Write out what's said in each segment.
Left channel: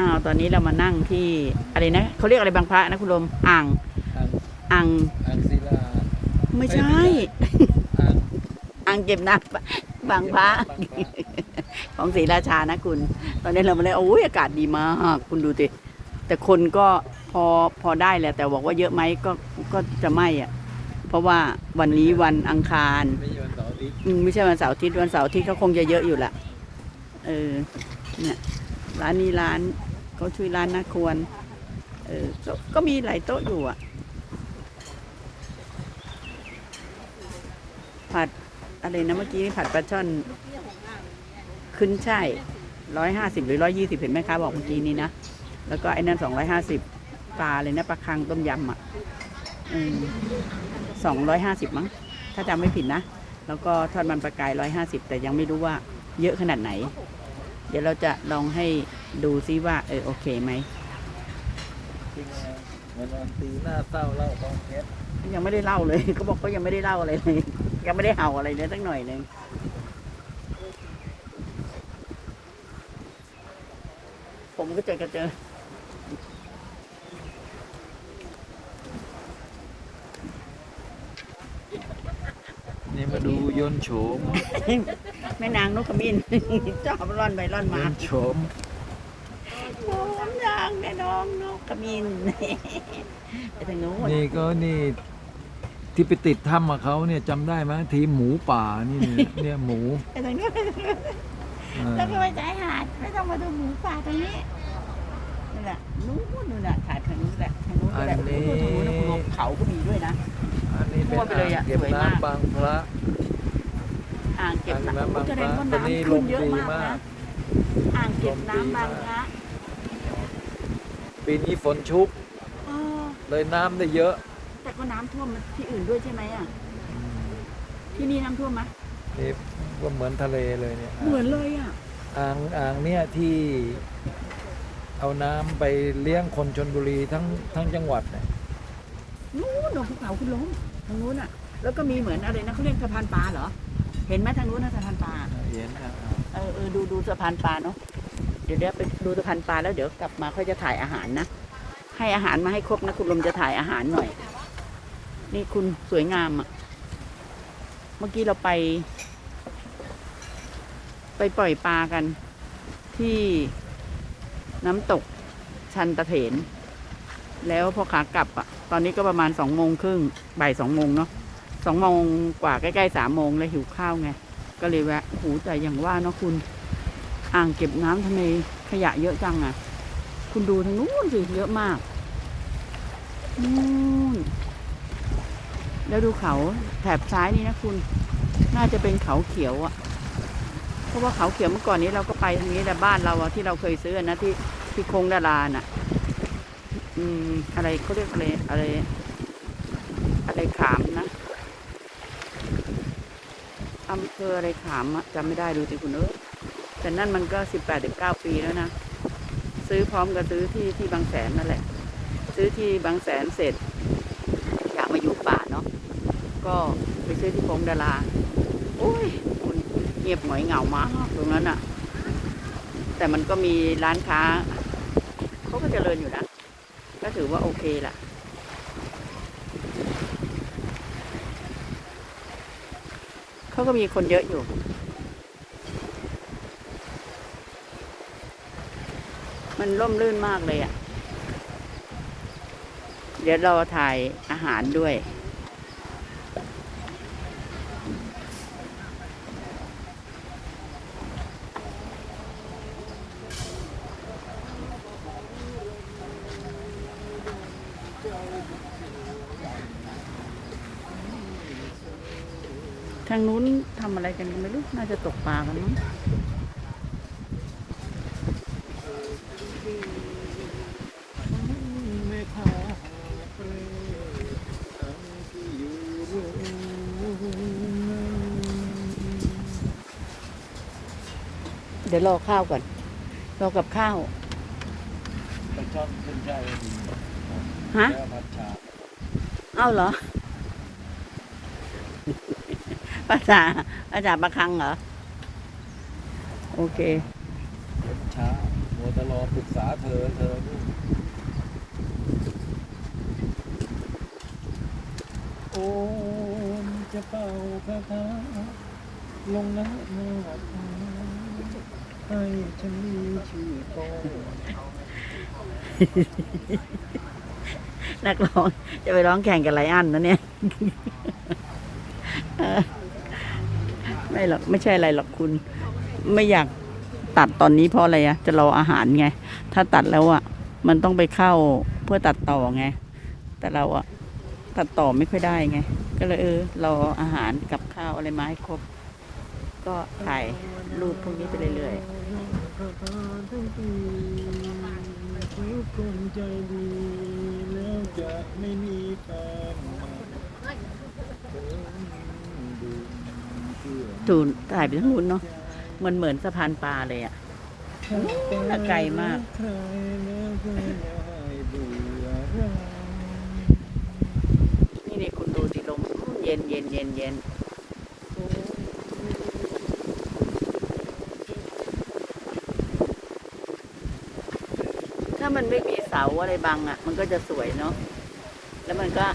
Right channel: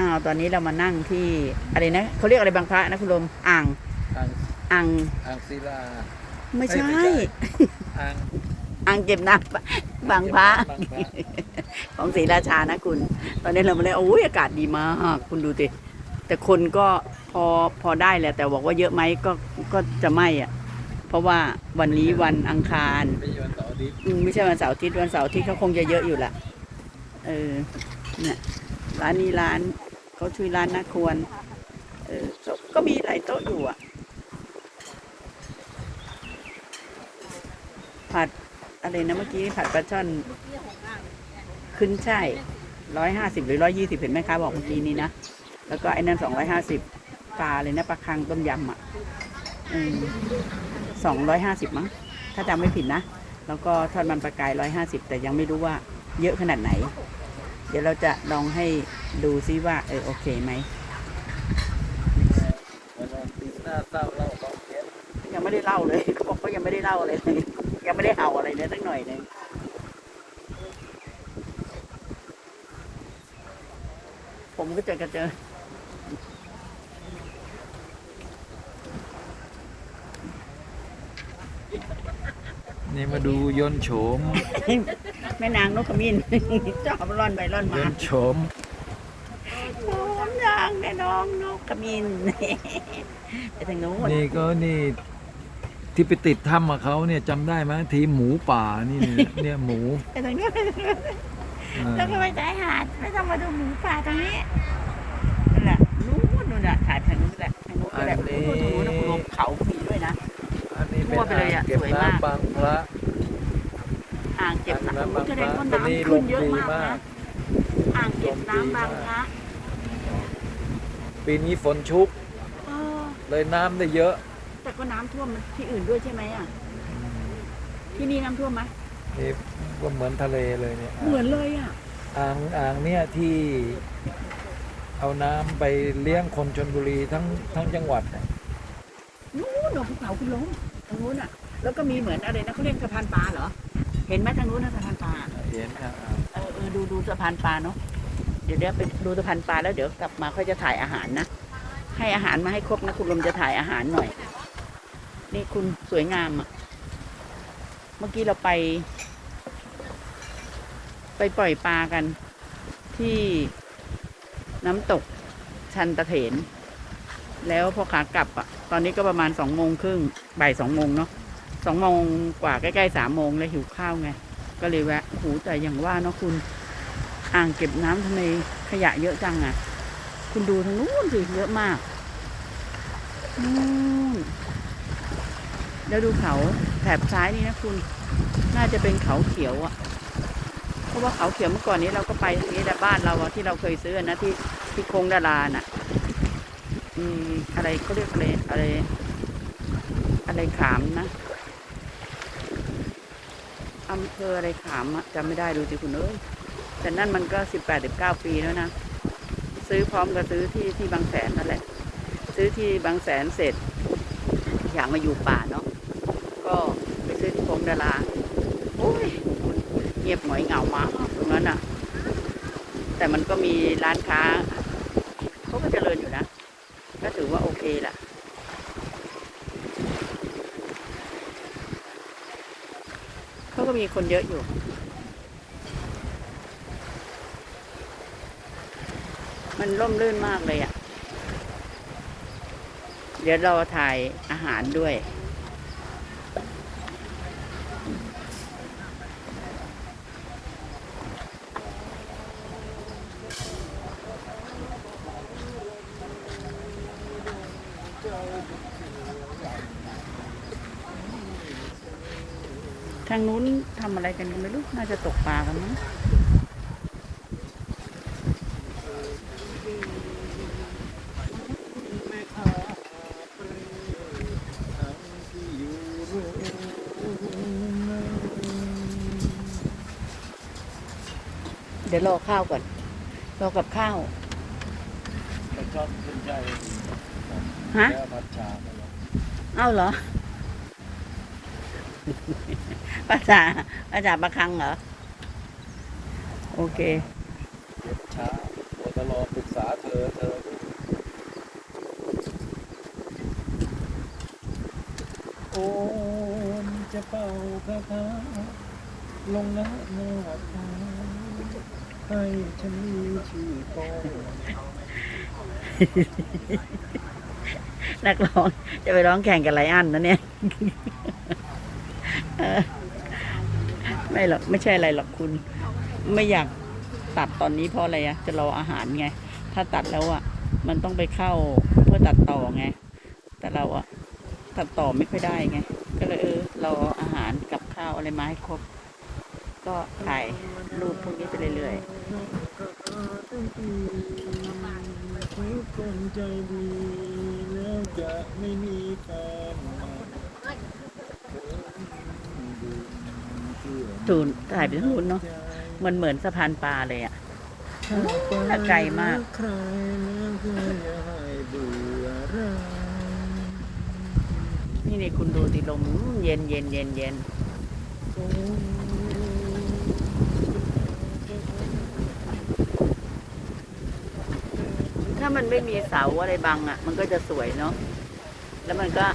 อ้าวตอนนี้เรามานั่งที่อะไรนะเขาเรียกอะไรบางพระนะคุณลมอ่างอ่างอ่างอ่างศิลาไม่ใช่เอ้ยอ่างอ่างเก็บน้ำบางพระของศรีราชานะคุณ ตอนนี้เรามาเลยโอ้ยอากาศดีมากคุณดูสิแต่คนก็พอพอได้แหละแต่บอกว่าเยอะไหมก็ก็จะไม่อะ เพราะว่าวันนี้วันอังคารไม่ใช่วันเสาร์อาทิตย์อืมไม่ใช่วันเสาร์อาทิตย์วันเสาร์อาทิตย์เขาคงจะเยอะอยู่ละเออเนี่ยร้านนี้ร้าน เขาชื่อร้านนาควร เออก็มีหลายโต๊ะอยู่อะ ผัดอะไรนะเมื่อกี้ผัดปลาช่อนขึ้นใช่ร้อยห้าสิบหรือร้อยยี่สิบเห็นไหมคะบอกเมื่อกี้นี้นะ แล้วก็ไอ้นั่นสองร้อยห้าสิบปลาเลยนะปลาคังต้มยำอะสองร้อยห้าสิบมั้ง ถ้าจำไม่ผิดนะ แล้วก็ทอดมันปลากายร้อยห้าสิบแต่ยังไม่รู้ว่าเยอะขนาดไหน เดี๋ยวเราจะลองให้ดูซิว่า เออโอเคไหมวันวันตีหน้าเศร้าเล่าต้องเพชรยังไม่ได้เล่าเลยเขาบอกเขายังไม่ได้เล่าอะไรเลยยังไม่ได้เห่าอะไรเลยสักหน่อยหนึงผมก็เจอกันเจอนี่มาดูยนต์โฉม แม่นางนกขมิ้นชอบร่อนไปร่อนยมานต์โฉมผมนางแม่น้องนกขมิ้นไปทางโน้นนี่ก็นี่ที่ไปติดถ้ำมาเขาเนี่ยจำได้ไหมทีมหมูป่านี่เนี่ยเนี่ยหมูไปทางโน้นเออต้องไปจ่ายหาดไม่ต้องมาดูหมูป่าตรงนี้นั่นแหละนู้นนู่นน่ะถ่ายทางนู้นแหละทางนู้นก็แหละโอ้โหทางนู้นนะคุณลงเขาก็มีด้วยนะ อันนี้เป็นทั่วไปเลอ่ายงอะเก็บสวยมากน้ำบางพระ อ่างเก็บอ่างน้ำน้ำบางแสพดระงว่าตอนนี้ำลขึ้มเยอะดีมากนะอ่างเก็บน้ำบางพระปีนี้ฝนชุกอ๋อเลยน้ำได้เยอะ แต่ก็น้ำท่วมที่อื่นด้วยใช่ไหมอะ ที่นี่น้ำท่วมไหมนี่ก็เหมือนทะเลเลยเนี่ย เหมือนเลยอะ อ่างอ่างเนี่ยที่เอาน้ำไปเลี้ยงคนชนบุรีทั้งทั้งจังหวัดเนี่ยนู้นหนองภูเขาคุณล้มทางนู้นอะ แล้วก็มีเหมือนอะไรนะเขาเรียกสะพานปลาเหรอ เห็นไหมทางนู้นนะสะพานปลาเห็นอะเออเออดูดูสะพานปลาเนาะเดี๋ยวเดี๋ยวไปดูสะพานปลาแล้วเดี๋ยวกลับมาเขาจะถ่ายอาหารนะให้อาหารมาให้ครบนะคุณลมจะถ่ายอาหารหน่อย นี่คุณสวยงามอะ่ะ เมื่อกี้เราไป ไปปล่อยปลากัน ที่น้ำตกชันตะเถน แล้วพอขากลับอะ่ะ ตอนนี้ก็ประมาณสองโมงครึ่งบ่ายสองโมงเนาะ สองโมงกว่าใกล้ๆสามโมงเลยหิวข้าวไง ก็เลยแวะโอ้โหูแต่อย่างว่าเนาะคุณ อ่างเก็บน้ำทำไมขยะเยอะจังอะ่ะ คุณดูทางนู้นสิเยอะมากนู่นแล้วดูเขาแถบซ้ายนี่นะคุณ น่าจะเป็นเขาเขียวอะ่ะ เพราะว่าเขาเขียวเมื่อก่อนนี้เราก็ไปทางนี้แต่บ้านเราอะที่เราเคยซื้อนะที่ที่โคงดาราน่ะ อืม อะไรเขาเรียกอะไรอะไร อะไรขามนะ อำเภออะไรขามจำไม่ได้ดูสิคุณเอ้ยแต่นั่นมันก็สิบแปดสิบเก้าปีแล้วนะ ซื้อพร้อมกับซื้อที่ที่บางแสนนั่นแหละ ซื้อที่บางแสนเสร็จ อยากมาอยู่ป่าเนาะก็ไปซื้อที่พงดาราโอ้ยคุณเงียบหงอยเหงามากตรงนั้นอะแต่มันก็มีร้านค้าเขาก็เจริญอยู่นะ ก็ถือว่าโอเคแหละ เขาก็มีคนเยอะอยู่ มันร่มรื่นมากเลยอะ่ะ เดี๋ยวเราถ่ายอาหารด้วย ทางนู้นทำอะไร กันก็ไม่รู้ น่าจะตกปลากันมั้งแม่ค้าเปรอังที่อยู่โรงงานเดี๋ยวรอข้าวก่อน รอกับข้าวปลาช่อนขึ้นใจฮะแล้วผัดชา เอ้าเหรอ ภาษาภาษาประคังเหรอ โอเคเก็บช้ามัวแต่รอปรึกษาเธอเธอนี่โอมจะเป่าคาถาลงนะหน้าผาให้ฉันมีชื่อโตนักร้องจะไปร้องแข่งกับไรอันนะเนี่ยเออ ไม่หรอกไม่ใช่อะไรหรอกคุณ ไม่อยากตัดตอนนี้เพราะอะไรอะจะรออาหารไง ถ้าตัดแล้วอะมันต้องไปเข้าเพื่อตัดต่อไง แต่เราอะตัดต่อไม่ค่อยได้ไง ก็เลยเออรออาหารกับข้าวอะไรมาให้ครบ ก็ถ่ายรูปพวกนี้ไปเรื่อยทุกคนใจดีแล้วจะไม่มีแฟนใหม่ๆ จูนถ่ายไปทั้งนู้นเนาะมันเหมือนสะพานปลาเลยอะน่ะไกลมากใครแล้วก็อย่าในี่นี่คุณดูสิลมเย็นเย็นเย็นเย็นถ้ามันไม่มีเสาอะไรบังอะ มันก็จะสวยเนาะแล้วมันก็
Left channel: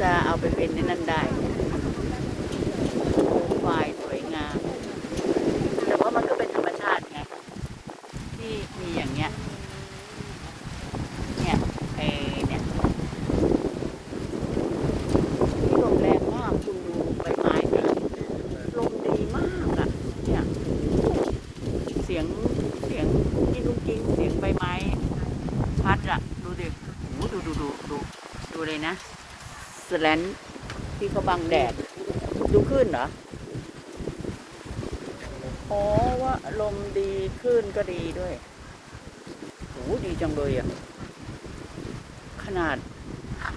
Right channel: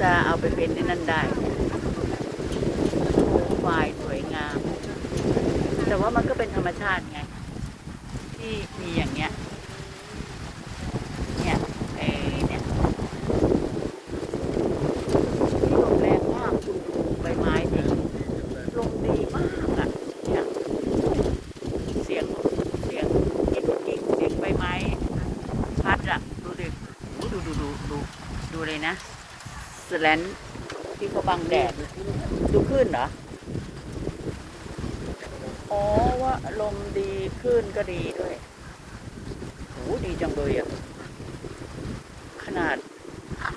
จะเอาไปเป็นนั่นได้ โคมไฟสวยงาม แต่ว่ามันก็เป็นธรรมชาติไง ที่มีอย่างเงี้ยเนี่ยเออเนี่ยที่ลมแรงมากคุณดูใบไม้นะลมดีมากอะเนี่ยเสียงเสียงจะเป็นจริงเสียงใบไม้พัดอะดูดิโอ้ดูดูดูดูดูเลยนะสแลนที่เขาบังแดดดูขึ้นเหรอ อ๋อว่าลมดีขึ้นก็ดีด้วยโอ้ดีจังเลยอะ ขนาด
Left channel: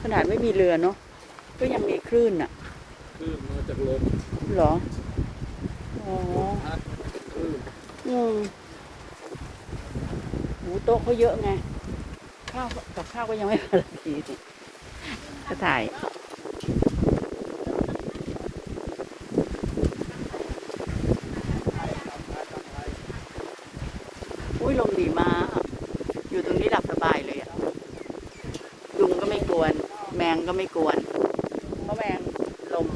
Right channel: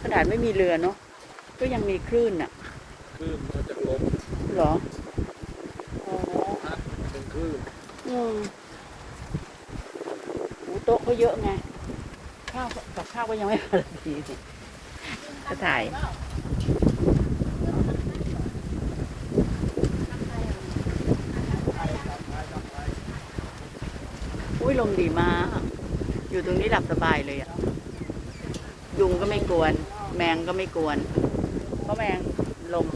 ขนาดไม่มีเรือเนาะ ก็ยังมีคลื่นอะ คลื่นมาจากลมเหรอ อ๋อพัดเป็นคลื่นอืมหมูโต๊ะเขาเยอะไง ข้าวกับข้าวก็ยังไม่มาเลยทีจะถ่าย อุ้ยลมดีมาก อยู่ตรงนี้หลับสบายเลยอะยุงก็ไม่กวน แมงก็ไม่กวน เพราะแมงลม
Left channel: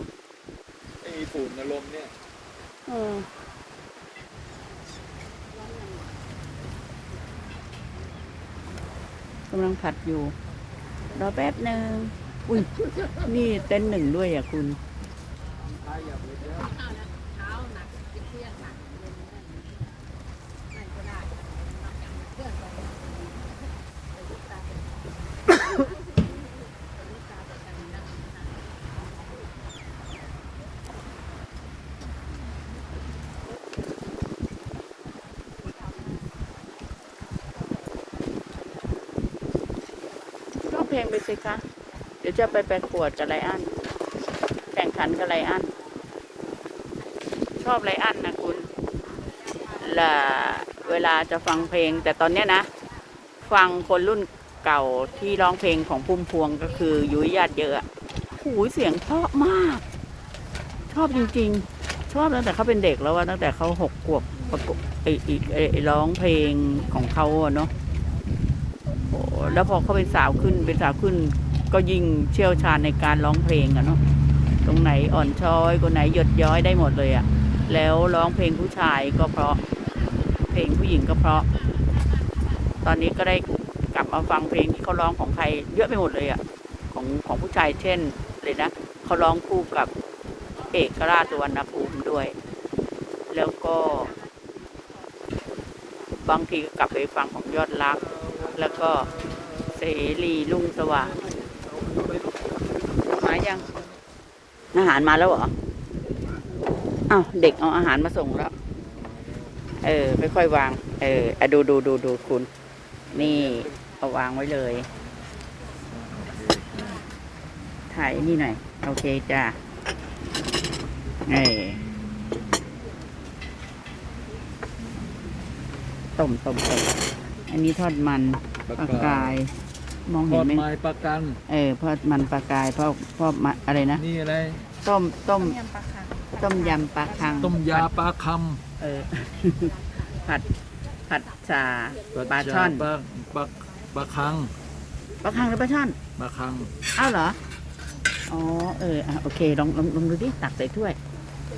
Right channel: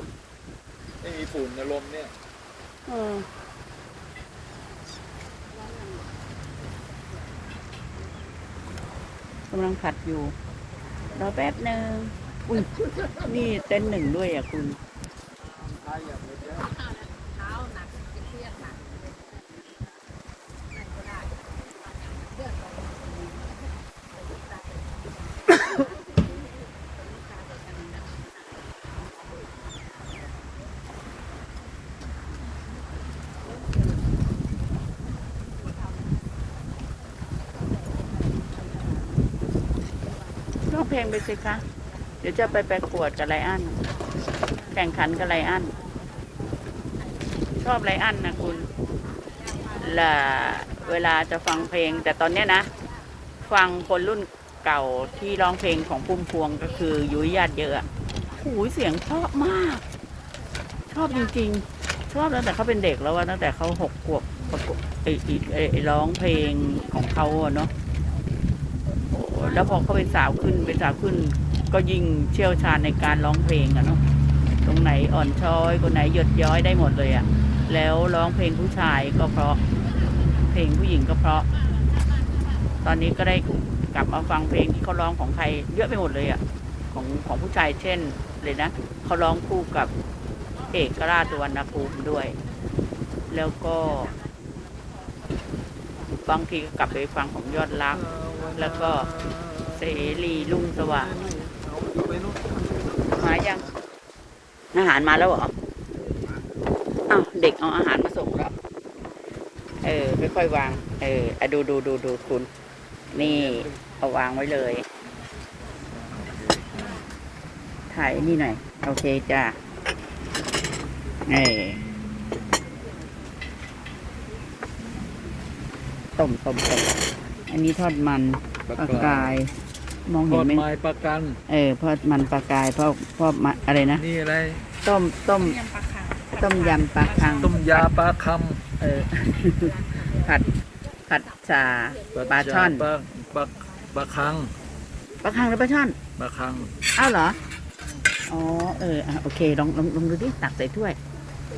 ไม่มีฝุ่นในลมเนี่ยเออกำลังผัดอยู่ รอแป๊บหนึ่ง อุ้ย นี่เต้นหนึ่งด้วยอะคุณร้องเพ ลงไปสิคะ เดี๋ยวจะไปประกวดกับไลอัน แข่งขันกับไลอัน ชอบไลอันนะคุณละเวลาจะฟังเพลง แต่ตอนเนี้ยนะ ฟังคนรุ่นเก่าที่ร้องเพลงของพุ่มพวงก็คือยุ้ยญาติเยอะอะหูเสียงเพราะมาก ชอบจริงๆ ชอบตั้งแต่เขาเป็นเด็กแล้วว่าตั้งแต่เขาหกขวบประกวดไอ้ไอร้องเพลงของเขาอะเนาะ แล้วพอเขาเป็นสาวขึ้นเป็นสาวขึ้น ก็ยิ่งเชี่ยวชาญในการร้องเพลงอะเนาะตรงไหนอ่อนช้อยคนไหนหยดย้อยได้หมดเลยอะแล้วร้องเพลงผู้ชายก็เพราะ เพลงผู้หญิงก็เพราะ ตอนนี้ก็ได้กลับมาฟังเพลงที่เขาร้องของใครเยอะไปหมดเลยอะของของผู้ชายเช่นเลยนะเขาร้องคู่กับเอกราชสุวรรณภูมิด้วย แล้วก็ บางทีก็กลับไปฟังของยอดรัก แล้วก็เสรีลุ่งสว่างมายัง อาหารมาแล้วเหรออ้าวเด็กเอาอาหารมาส่งแล้วเออค่อยๆวาง เอออะดูดูดูดูคุณ นี่เอาวางไว้เลย ถ่ายนี่หน่อย โอเคจ้าเออต้มต้มต้ม อันนี้ทอดมันปลาปลากาย มองทเห็อนดไหมไม้ปลากัน เออทอดมันปลากายเพราะเพราะมะอะไรนะ นี่อะไร ต้มต้มต้มยำปลาคังต้มยาปลาคเออ ผัดผัดชาปลาช่อนปลาปลาปลาคังปลาคังหรือปลาช่อน ปลาคังอ้าวเหรอ อ๋อ เอออะโอเค ลองลองลองดูดิ ตักใส่ถ้วย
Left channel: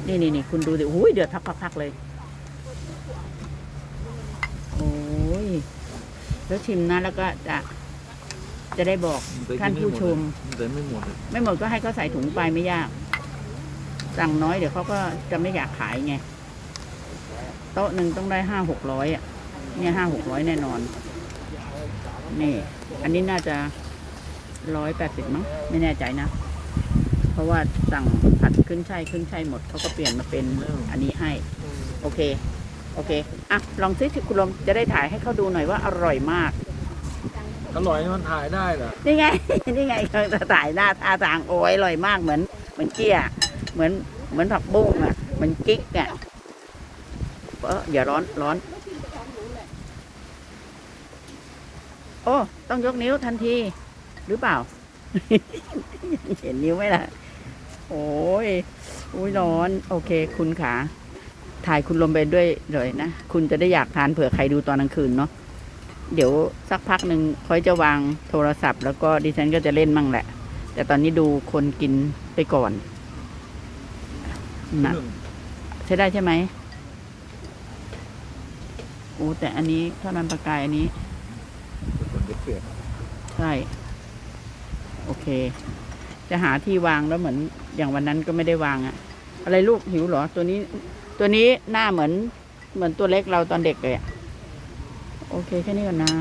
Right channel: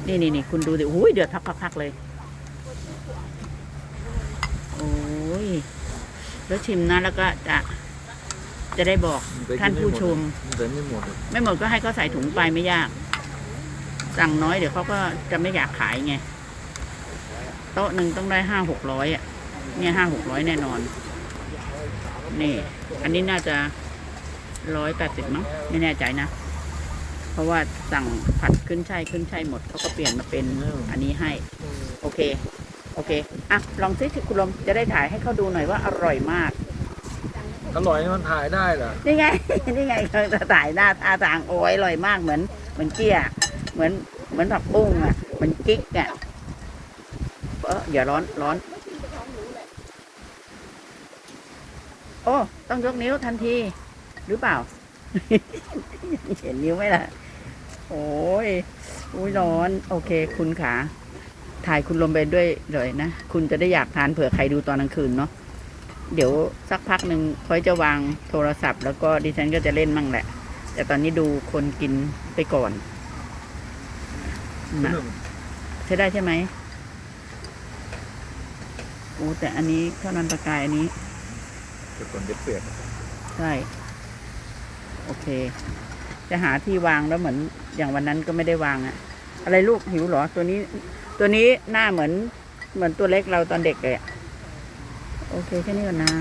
นี่นี่นี่คุณดูดิโอ้ยเดือดพักพักพักเลย โอ้ย แล้วชิมนะแล้วก็จะจะได้บอกแต่กิท่านผู้ชม แต่ไม่หมดอะไม่หมดก็ให้เขาใส่ถุงไปไม่ยาก สั่งน้อยเดี๋ยวเขาก็จะไม่อยากขายไงโต๊ะหนึ่งต้องได้ห้าหกร้อยอะ เนี่ยห้าหกร้อยแน่นอน นี่ อันนี้น่าจะร้อยแปดสิบมั้งไม่แน่ใจนะ เพราะว่าสั่งผัดขึ้นช่ายขึ้นช่ายหมดเขาก็เปลี่ยนมาเป็นอันนี้ให้ โอเค โอเค อะ ลองซิคุณลมจะได้ถ่ายให้เขาดูหน่อยว่าอร่อยมาก อร่อยนี่มันถ่ายได้เหรอ นี่ไง นี่ไงเธอจะถ่ายหน้าท่าทางโอ้ยอร่อยมากเหมือน เหมือนเกี้ย เหมือน เหมือนผักบุ้งอะ เหมือนจิ๊กอะเอออย่าร้อน ร้อน โอ้ ต้องยกนิ้วทันที หรือเปล่า เห็นนิ้วไหมล่ะ โอ้ย อุ้ยร้อน โอเค คุณขา ถ่ายคุณลมไปด้วยเลยนะ คุณจะได้อยากทานเผื่อใครดูตอนกลางคืนเนาะเดี๋ยวสักพักหนึ่งค่อยจะวางโทรศัพท์ แล้วก็ดิฉันก็จะเล่นมั่งแหละ แต่ตอนนี้ดูคนกินไปก่อนนะใช้ได้ใช่ไหมโอ้แต่อันนี้เท่านั้นประกายอันนี้เดี๋ยวฝนจะเปียกใช่โอเค จะหาที่วางแล้วเหมือนอย่างวันนั้นก็ไม่ได้วางอะอะไรลูกหิวเหรอตัวนี้ ตัวนี้หน้าเหมือน เหมือนตัวเล็กเราตอนเด็กเลยอะโอเค แค่นี้ก่อนนะ